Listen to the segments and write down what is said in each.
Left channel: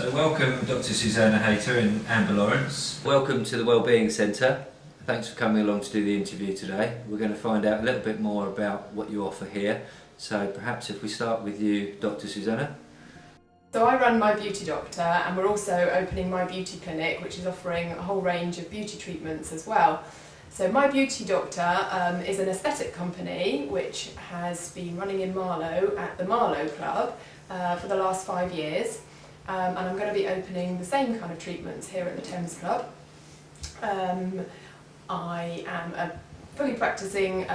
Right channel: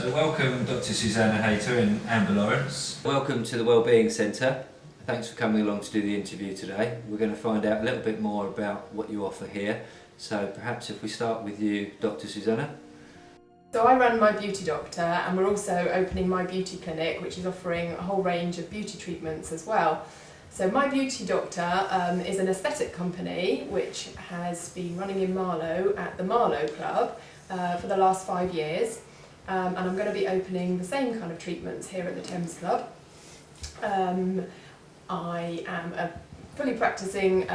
So welcome Dr. Susanna Hayter and Amber Lawrence. Welcome to the Wellbeing Centre. Thanks for coming along to do the interview today. We're going to find out a little bit more about what you offer here. So perhaps if we start with you, Dr. Susanna. So I run My Beauty Doctor, and we're also opening My Beauty Clinic, which is offering a whole range of beauty treatments as well. So My Beauty Doctor is an aesthetic company which has been running in Marlow at the Marlow Club for the last 5 years. And I'm going to be opening the same kind of treatments here at the Thames Club. I am a fully practicing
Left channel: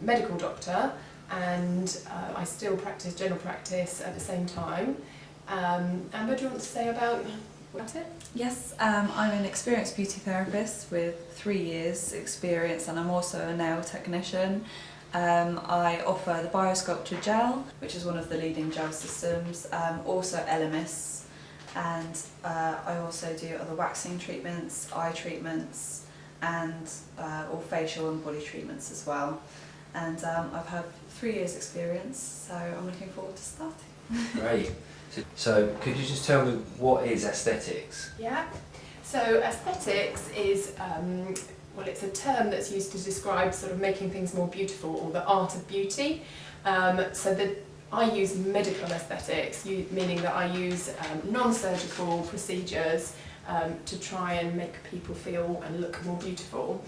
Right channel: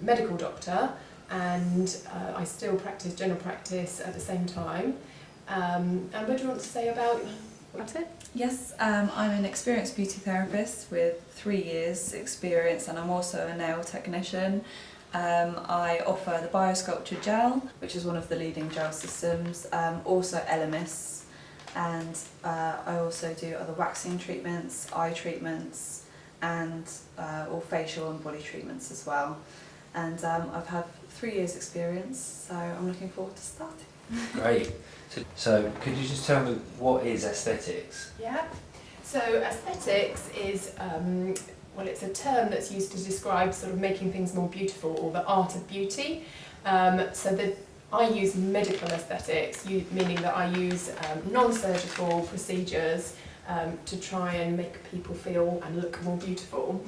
medical doctor, and I still practice general practice at the same time. Amber, do you want to say about it? Yes, I'm an experienced beauty therapist with 3 years experience, and I'm also a nail technician. I offer the Biosculpture gel, which is one of the leading gel systems, also Elemis, and I also do other waxing treatments, eye treatments, and all facial and body treatments as well. And I've had 3 years experience, so I'm looking forward to starting. Great. So could you just tell me what is aesthetics? Yeah. So aesthetics is, well, it's a term that's used to describe sort of making things more beautiful, or the art of beauty. I use medical aesthetics, meaning that I use non-surgical procedures to try and make people feel and look more beautiful.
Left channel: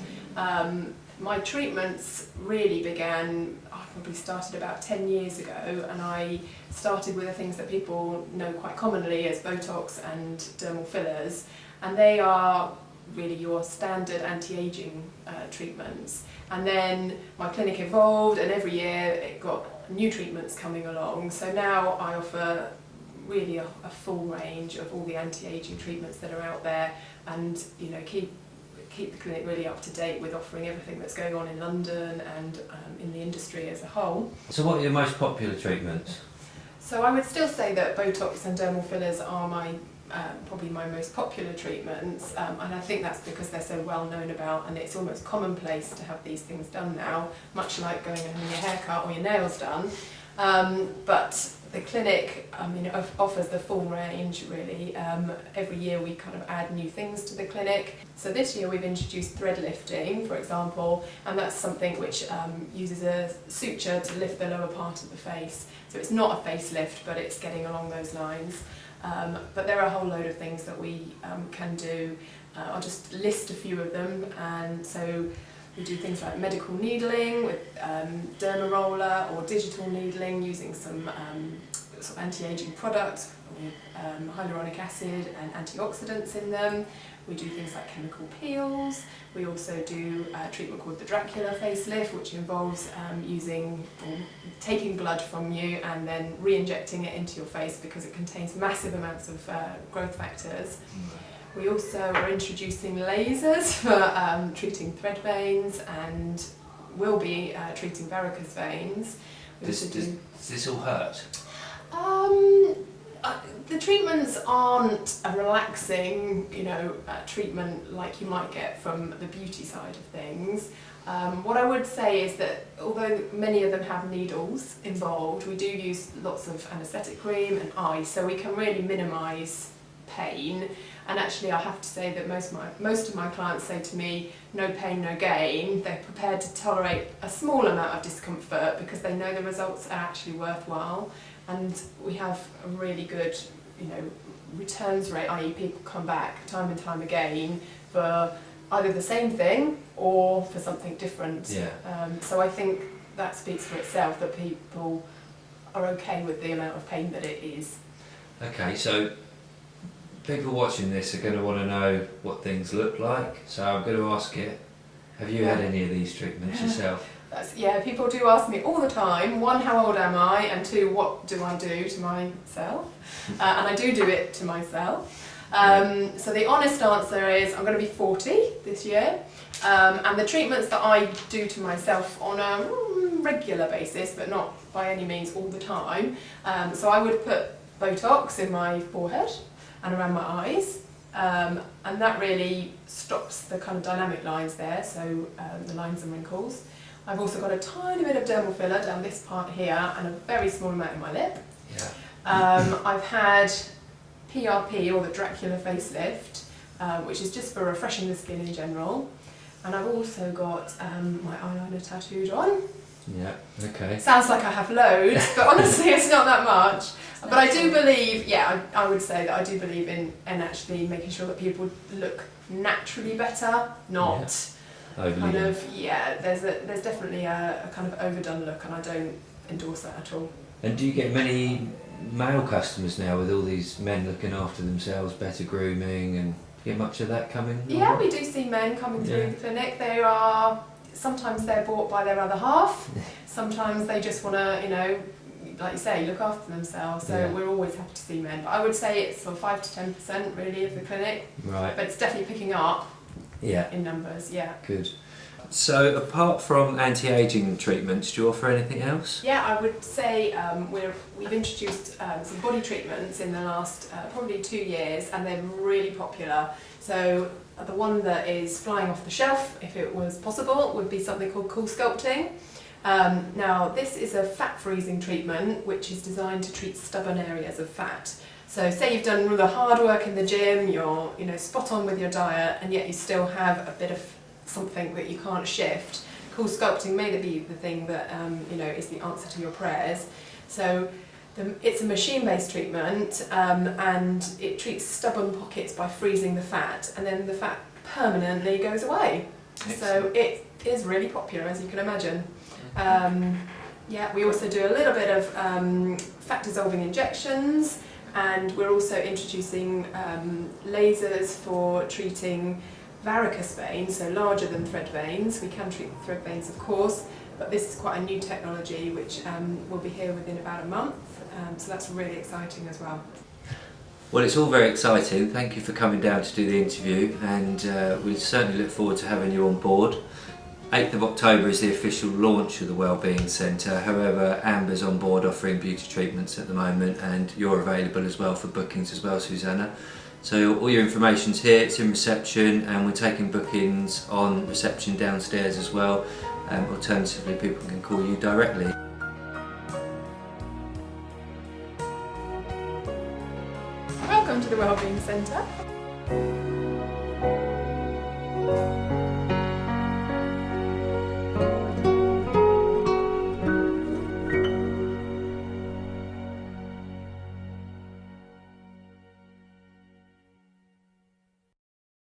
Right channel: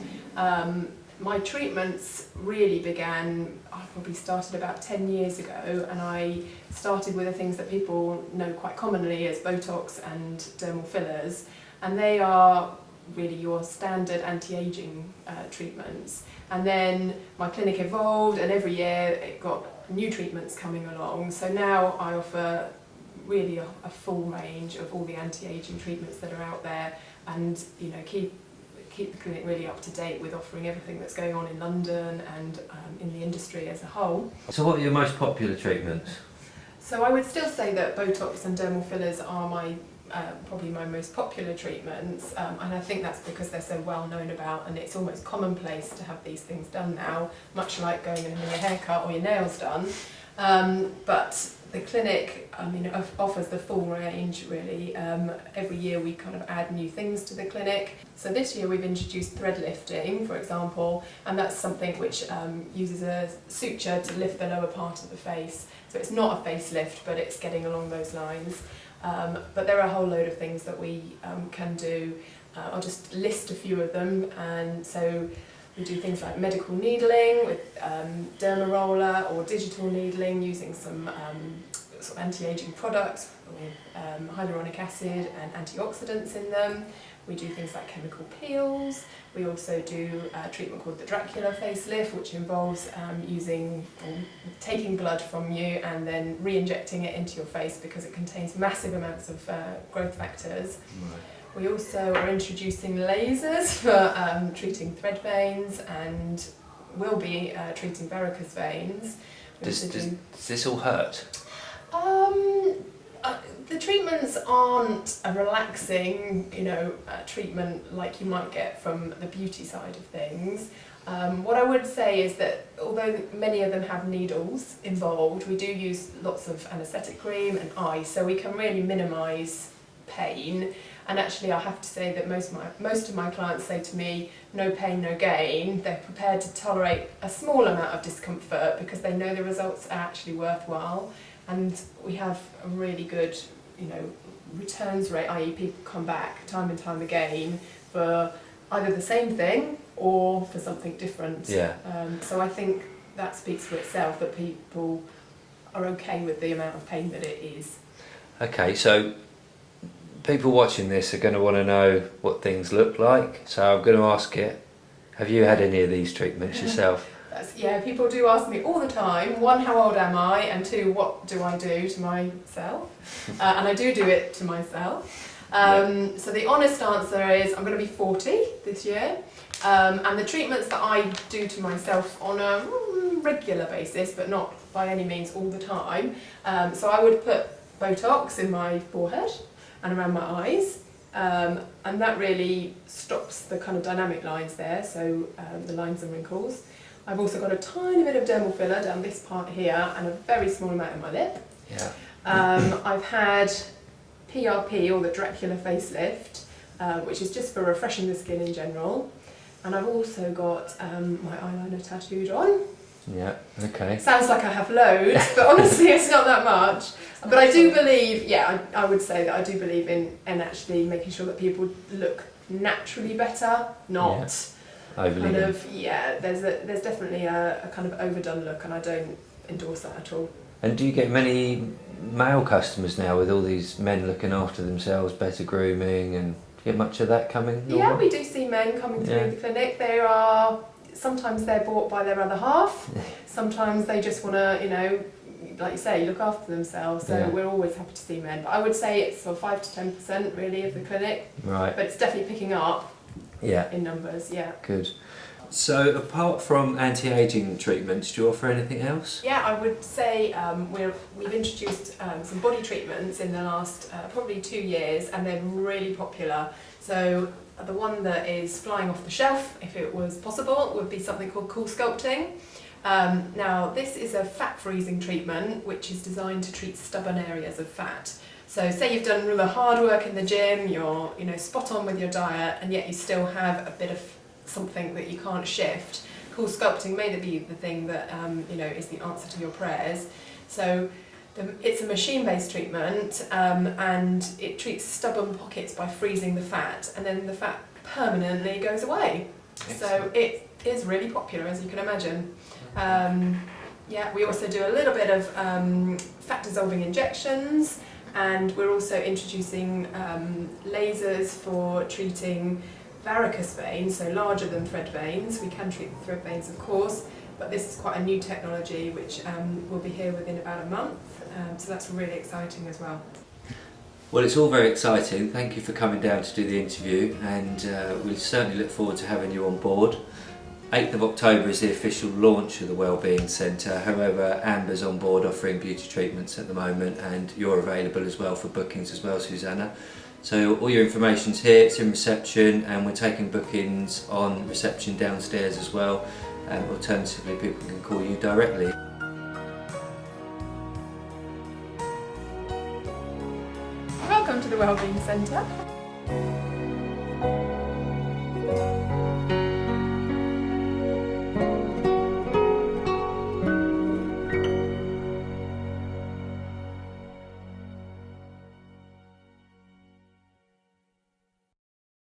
My treatments really began, I probably started about 10 years ago, and I started with the things that people know quite commonly as Botox and dermal fillers, and they are really your standard anti-aging treatments. And then my clinic evolved, and every year it got new treatments coming along, so now I offer really a full range of all the anti-aging treatments that are out there, and keep the clinic really up to date with offering everything that's going on in London and in the industry as a whole. So what are your most popular treatments? So I would still say that Botox and dermal fillers are probably my most popular treatments, and I think that's because they're so well known about, and it's almost commonplace to have these things done now, much like going and having your hair cut or your nails done. But the clinic, offers the full range really. Every year we kind of add new things to the clinic. So this year we've introduced thread lifting, for example, and that's something which uses a suture to lift the lower part of the face. So it's not a facelift, but it's getting along those lines. But there are a whole load of things that we can do. I'll just list a few of them. And so we do things like medical needling with derma roller, or digital needling using some sort of anti-aging products with hyaluronic acid and antioxidants in them. We do things like chemical peels. We also do a treatment called the Dracula facelift, which involves taking blood from you and then re-injecting it into your face because it contains massive amounts of growth factors. We also are introducing lasers for treating thread veins, and will be treating varicose veins. Does this all hurt? The treatments aren't a relaxing, treatment like you might get from the beauty side of things. What I would say is that although many of them have needles involved, we do use lots of anaesthetic cream and ice, so we can really minimise pain. And actually I have to say that most of my clients say to me, no pain, no gain. They're prepared to tolerate a small amount of discomfort because they know the results are actually worthwhile. And we have a really good, returns rate, i.e. people come back time and time again for either the same thing or for something different. Yeah. So I think that speaks for itself, that people are okay with the amount of pain that it is. Okay, so people watching this are going to want to know what things look like, so I'm going to ask you, have you had any of these treatments yourself? People do ask me all the time, 1, how old am I, and 2, what do I do to myself? And I do it to myself. So the honest answer is I'm going to be 40 this year, and the treatments that I do to myself on a regular basis, but not by any means all the time, so I would put Botox in my forehead and around my eyes, and that really stops the kind of dynamic lines there, so the lines and wrinkles. I've also got a tiny bit of dermal filler down this part here and a very small amount in my lip. Yeah. I've had PRP, or the Dracula facelift, which is just for refreshing the skin in general. And I've also got my eyeliner tattooed on. Yeah, okay. Sounds like I have loads, but honestly it's not that much. But I do believe, I would say that I do believe in actually making sure that people look naturally better, not overly kind of, there's definitely a kind of overdone look, and I don't endorse that at all. And do you get many male customers now with all these men looking after themselves, better grooming, and do you get much of that coming? Yeah, we do see men coming through the clinic. Sometimes they're bought by their other half, sometimes they just want to, like you say, look after themselves, so we're always happy to see men. But I would say it's sort of 5 to 10% really of the clinic. Right. But it's definitely picking up in numbers, Good. So apart from anti-aging treatments, do you offer anything else? Yeah, I would say we've introduced some body treatments in the last probably 2 years, and they're really popular. So the one that is flying off the shelf, if it was possible, would be something called Cool Sculpting. Now this is a fat freezing treatment which is designed to treat stubborn areas of fat. So say you've done all the hard work in the gym, you're spot on with your diet, and yet you still have a bit of something that you can't shift. Cool Sculpting may be the thing that is the answer to your prayers. So it's a machine-based treatment, and it treats stubborn pockets by freezing the fat, and then the fat permanently goes away. Excellent. So it is really popular, as you can imagine. We also do a little bit of fat-dissolving injections, and we're also introducing lasers for treating varicose veins, so larger than thread veins. We can treat thread veins, of course, but this is quite a new technology which will be here within about a month, so that's really exciting as well. Well, it's all very exciting. Thank you for coming down to do the interview, and we certainly look forward to having you on board. 8th of October is the official launch of the Wellbeing Centre. However, Amber's on board offering beauty treatments at the moment, and you're available as well for bookings as well, Susanna. So all your information's here, it's in reception, and we're taking bookings on reception downstairs as well. Alternatively, people can call you directly. Welcome to the Wellbeing Centre.